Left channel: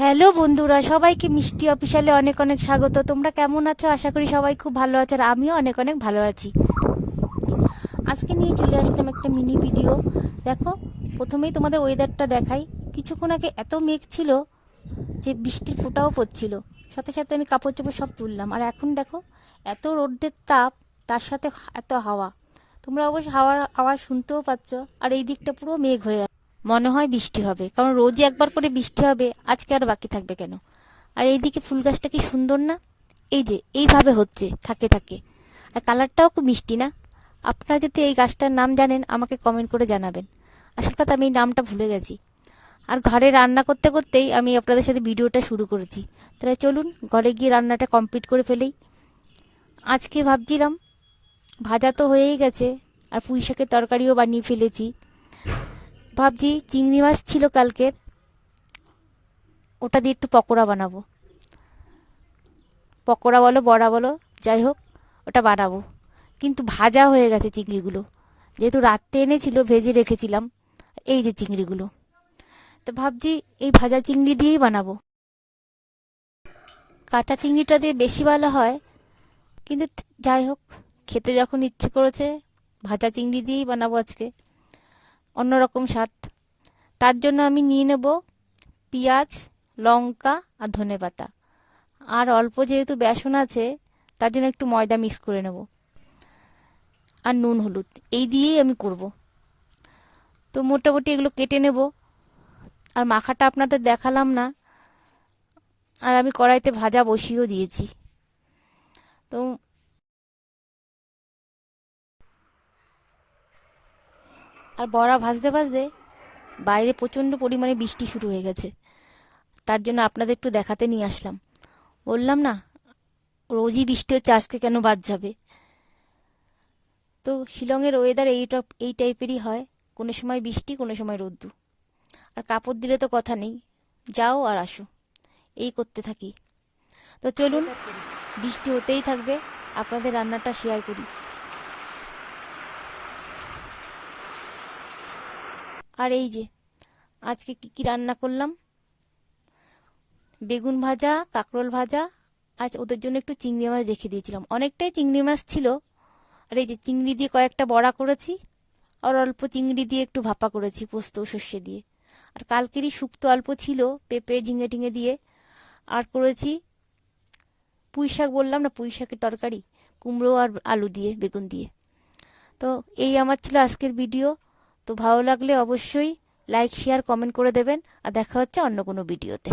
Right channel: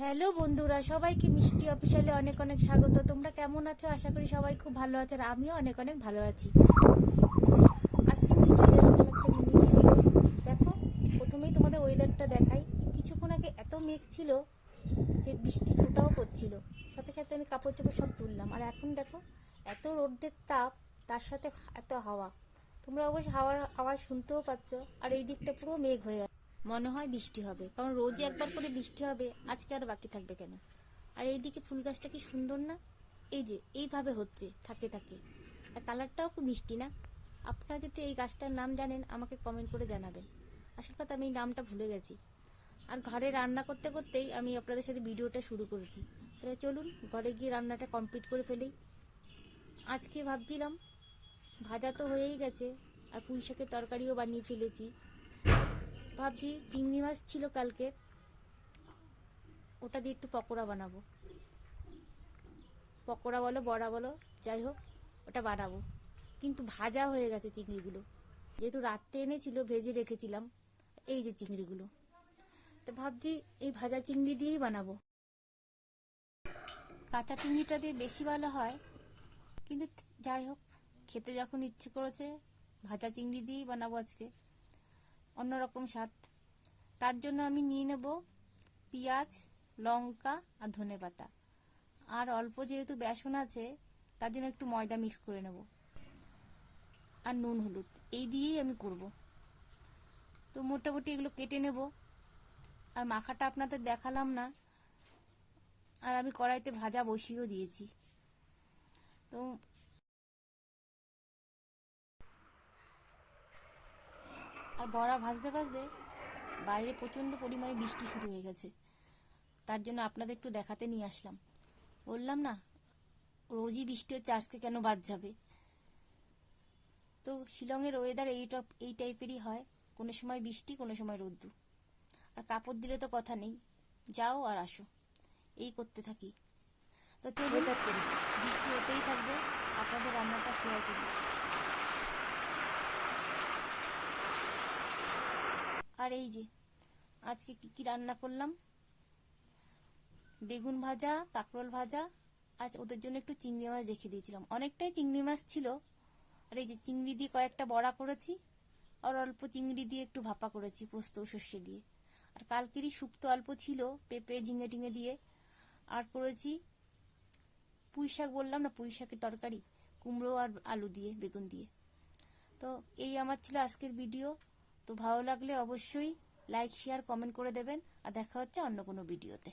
Hello বন্ধুরা, সবাইকে মিষ্টি অফিসিয়ালে অনেক অনেক স্বাগত। তোমরা কেমন আছো? আশা করি সবাই খুব ভালো আছে, আর আমিও অনেক অনেক ভালো আছি। আজকে নিয়ে চলে আসলাম একটা মিনি ভিডিও। দেখো, প্রথমেই তোমাদের ওয়েদারটা দেখাই। কিছুক্ষণ আগে এত মেঘ ছিল যে বৃষ্টির ফোঁটাও পড়ছিল, সাথে সাথে আমি কাপড় চোপড় সব তুললাম। আর এখন দেখো, এত রোদের তাপ, তার সাথে এত হাওয়া। তোমরা অবশ্য হাওয়ার আওয়াজ শুনতেও পাচ্ছ। আর এই দিকটা পুরো মেঘ হয়ে আছে, মনে হয় বৃষ্টি হবে, কারণ রোজই একবার করে বৃষ্টি হবে, আজকে আর বাকি থাকবে কেন? আর এইদিকে ফুল গাছটা কি সুন্দর না? এই যে এইভাবে হচ্ছে থাকে থাকে। আর কালারটাও খুব মিষ্টি না? আপনারা যদি এই গাছটার নাম জানেন আমাকে কমেন্ট করে জানাবেন। আসল কথা, আমি এই নামটা ভুলে গেছি। আর ঘরে রান্না করতে করতেই আমি আপনাদের সাথে ভিডিওটা শুরু করেছি। তাহলে চলুন ঘরে গিয়ে রান্নাটা কমপ্লিট করে ফেলেই। আজকে ভাবছিলাম, ভাজা তো হয়েই গেছে, আর পুঁই শাকের তরকারিও বানিয়ে ফেলেছি। ভাবছি চিংড়ি মাছ ছিল কালকের, ওটা দিয়ে একটু পকোড়া বানাবো। পকোড়া বলো বড়া বলো, যাই হোক, ওটা বানাবো। কিন্তু ভাজা হয়ে গেছে চিংড়িগুলো, যেহেতু রাত্রে এনেছিল, ভেজে রেখেছিলাম। এই যে চিংড়িগুলো, তো ভাবছি এই ভাজা চিংড়ি দিয়েই বানাবো। কাঁচা চিংড়িটা দিয়ে বেশি ভালো হয়, কিন্তু যাই হোক, খেতে যখন ইচ্ছে করেছে, ভাজা চিংড়ি দিয়েই বানাবো আজকে। অন্যরকম স্বাদ। তার জন্য আমি নিয়ে নেব পেঁয়াজ, লঙ্কা আর ধনেপাতা। আর অল্প যেহেতু বেসন আছে, তার জন্য একটু ময়দা মিক্স করে নেব, আর নুন হলুদ, এই দিয়েই আমি করব। তো মোটামুটি এগুলো কেটে নেব। আর মাখাটা আপনাদের দেখালাম না, আর আমি কড়াইতে ভাজা বসিয়েও দিয়েছি। তো আর বড়া ভাজতে ভাজতে বাইরে প্রচণ্ড পরিমাণে বৃষ্টি শুরু হয়ে গেছে। তার জন্য আপনাদের একটু দেখাতে নিয়ে আসলাম। বললাম না, রোজই বৃষ্টি হচ্ছে, আজকে কেন বাদ যাবে? তো শিলংয়ের ওয়েদার এই টাইপেরই হয়, কোনো সময় বৃষ্টি, কোনো সময় রোদ্দু। আর কাপড় দিলে তো কথা নেই, যাও আর আসো, এই করতে থাকি। তো চলুন, বৃষ্টি হতেই থাকবে, আপনাদের রান্নাটা শেয়ার করি। আর এই যে আজকে কি কি রান্না করলাম: বেগুন ভাজা, কাঁকরোল ভাজা। আজ ওদের জন্য একটু চিংড়ি মাছ রেখে দিয়েছিলাম, অনেকটাই চিংড়ি মাছ ছিল। আর এই যে চিংড়ি দিয়ে কয়েকটা বড়া করেছি, আর অল্প চিংড়ি দিয়ে একটু ভাপা করেছি পোস্ত সর্ষে দিয়ে। আর কালকেরই শুক্তো অল্প ছিল, পেঁপে ঝিঙে টিঙে দিয়ে। আর করেছি পুঁই শাক, বললাম না, পুঁই শাকের তরকারি, কুমড়ো আর আলু দিয়ে, বেগুন দিয়ে। তো এই আমার ছিল আজকের ভিডিও। তো ভালো লাগলে অবশ্যই লাইক শেয়ার কমেন্ট করে দেবেন, আর দেখা হচ্ছে অন্য কোনো ভিডিওতে।